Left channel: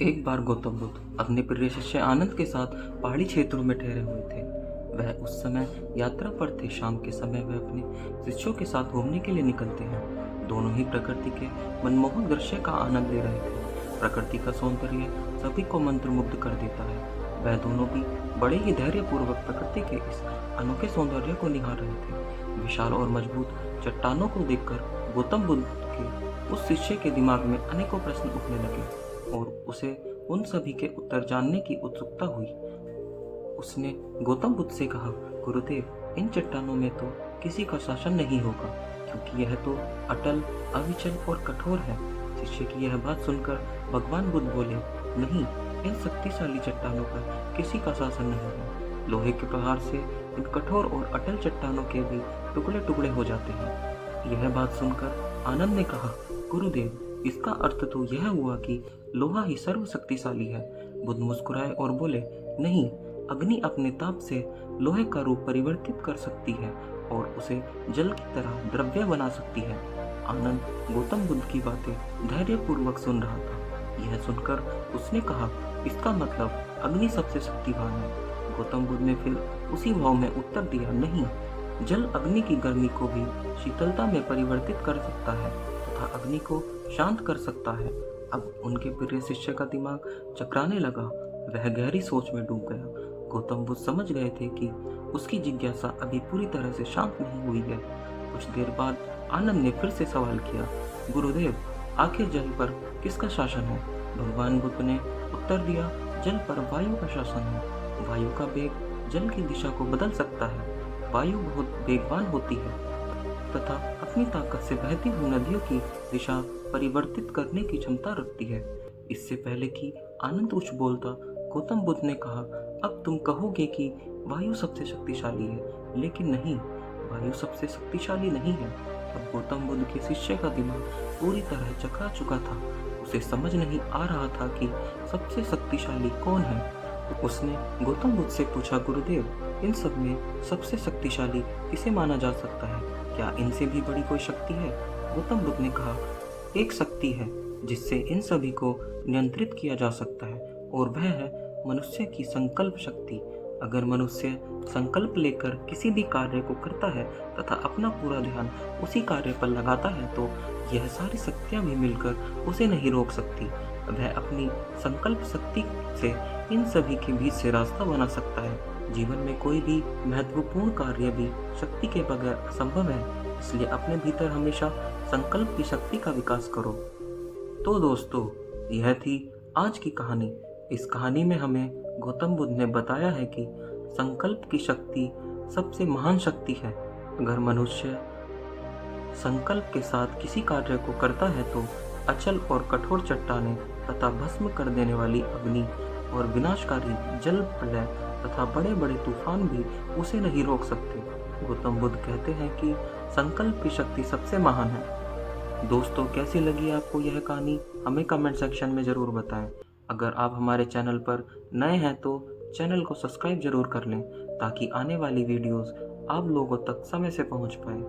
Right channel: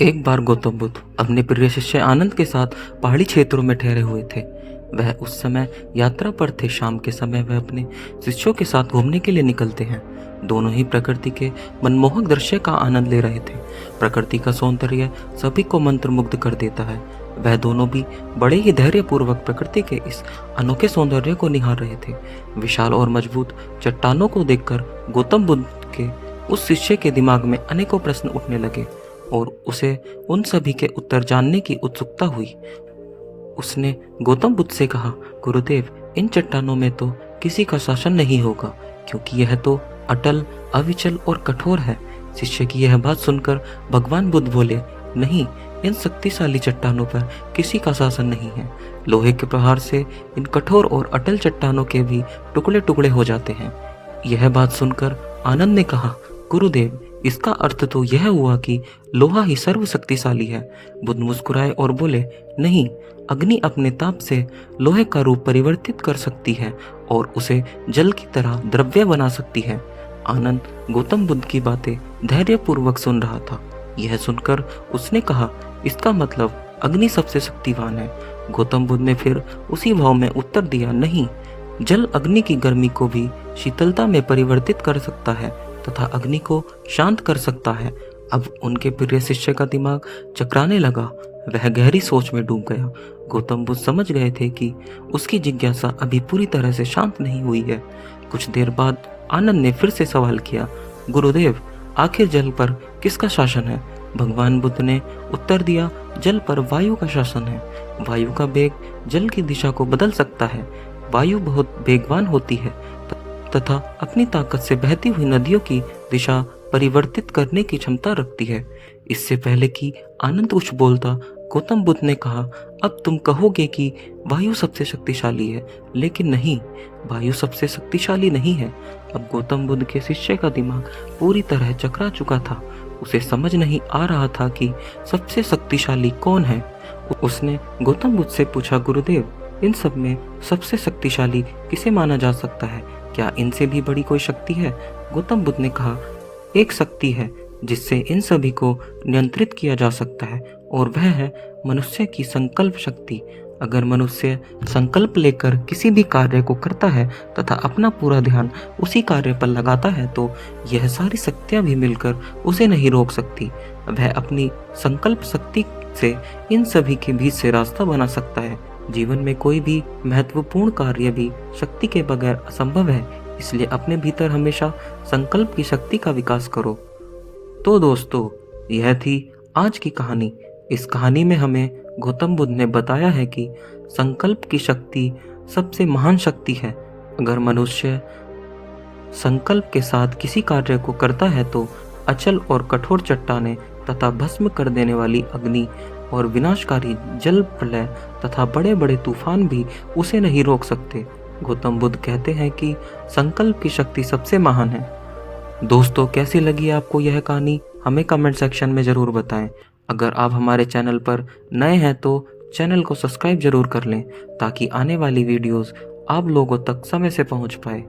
एक बार गौतम बुद्ध अपने प्रिय शिष्य आनंद के साथ पहाड़ी क्षेत्रों में ठहरे हुए थे। वह उस समय यात्रा पर थे। शाम के समय वह अपने शिष्यों के साथ घूमने के लिए निकलते हैं। दोनों ही प्रकृति के मनमोहक दृश्य का आनंद ले रहे थे। प्रकृति का सौंदर्य सभी को मंत्रमुग्ध कर देता है। वह दोनों भी बड़े ही धैर्यपूर्वक प्रकृति के इस अनोखे सौंदर्य को निहार रहे थे। विशाल और मजबूत चट्टानों को देखकर गौतम बुद्ध के उस शिष्य के दिमाग में अनेकों प्रश्न उठने लगे और उसे उन सभी के उत्तर जानने की उत्सुकता हुई। उसने गौतम बुद्ध से कहा, गुरुदेव, इन चट्टानों में तो किसी का शासन नहीं होगा, क्योंकि यह तो अटल, अविचल और कठोर है। शिष्य की यह बात सुनकर भगवान बुद्ध बोले, नहीं, इन शक्तिशाली चट्टानों पर किसी का शासन नहीं है। लोहे के प्रहार से इन कठोर और अटल चट्टानों के भी टुकड़े टुकड़े हो जाते हैं। यह बात सुनकर आनंद ने कहा, गुरुदेव, इसका अर्थ तो यह हुआ कि लोहा ही सर्वशक्तिशाली है। बुद्ध मुस्कुराए और बोले, नहीं, अग्नि अपने ताप से लोहे का रूप परिवर्तित कर सकती है और उसे जल की तरह द्रव्य बना सकती है। आनंद गौतम बुद्ध की बातें धैर्यपूर्वक सुन रहा था। यह सुनकर उसने कहा, इसका मतलब अग्नि सबसे शक्तिवान है। गौतम बुद्ध ने फिर उसी भाव में उत्तर दिया, नहीं, जल अग्नि की गर्मी को भी शीतलता में परिवर्तित कर सकता है तथा अग्नि को शांत कर सकता है। अब उनके प्रिय शिष्य का दिमाग चकराने लगा। वह गहरी सोच में डूब गया। गौतम बुद्ध समझ गए थे कि उसकी जिज्ञासा अभी पूरी तरह से शांत नहीं हुई है। कुछ देर बाद आनंद ने फिर से सवाल किया, गुरुदेव, आखिर जल पर किसका शासन है? भगवान बुद्ध ने उत्तर दिया, जल पर वायु का शासन है। वायु का वेग जल की दिशा को बदल सकता है। वायु बहुत वेगवान होती है तथा अपनी ताकत से बहती हुई नदियों की दिशा परिवर्तित करने की क्षमता रखती है। इससे पहले कि आनंद कुछ बोलता, गौतम बुद्ध ने कहा, अब तुम कहोगे कि वायु सबसे शक्तिशाली है, लेकिन नहीं, वायु सबसे शक्तिशाली नहीं है। अब गौतम बुद्ध के शिष्य का दिमाग पूरी तरह चकरा चुका था। उसे समझ नहीं आ रहा था कि सबसे शक्तिशाली कौन है। उसने गौतम बुद्ध से पूछा, गुरुदेव, इन सब में सबसे शक्तिशाली किसे माना जा सकता है? क्या इनसे भी बड़ी कोई शक्ति है? गौतम बुद्ध ने कहा, एक शक्ति है जिससे इन सभी को नियंत्रित किया जा सकता है और वह है मनुष्य की संकल्प शक्ति। अगर मनुष्य संकल्प लेकर किसी भी कार्य को करता है तथा अपना पूरा ध्यान उसी कार्य पर लगाता है तो यह सारी शक्तियां भी मिलकर उसे नहीं रोक सकती। वह अपनी संकल्प शक्ति से इन सभी के बीच से रास्ता बना सकता है। जीवन में कोई भी महत्वपूर्ण कार्य भी शक्ति के बगैर असंभव है, इसलिए अपने भीतर हमेशा संकल्प की शक्ति का विकास करो। तो दोस्तों, यह थी आज की कहानी। इस कहानी में हमें गौतम बुद्ध ने बताया है कि संकल्प की शक्ति सबसे महान शक्ति है। अगर मनुष्य संकल्प के साथ किसी कार्य को करता है तो अचल और कठोर चट्टानें तथा भस्म कर देने वाली अग्नि और विनाशकारी जल प्रलय तथा बड़े बड़े तूफान भी उसे नहीं रोक सकते। गौतम बुद्ध कहते हैं कि संकल्प की शक्ति सबसे महान है। दोस्तों, कैसी लगी आपको यह कहानी? हमें कमेंट सेक्शन में ज़रूर बताएं। अगर आप हमारे चैनल पर नए हैं तो चैनल को सब्सक्राइब जरूर कर लें ताकि आने वाली वीडियोस आप लोगों तक समय से पहुंच पाए।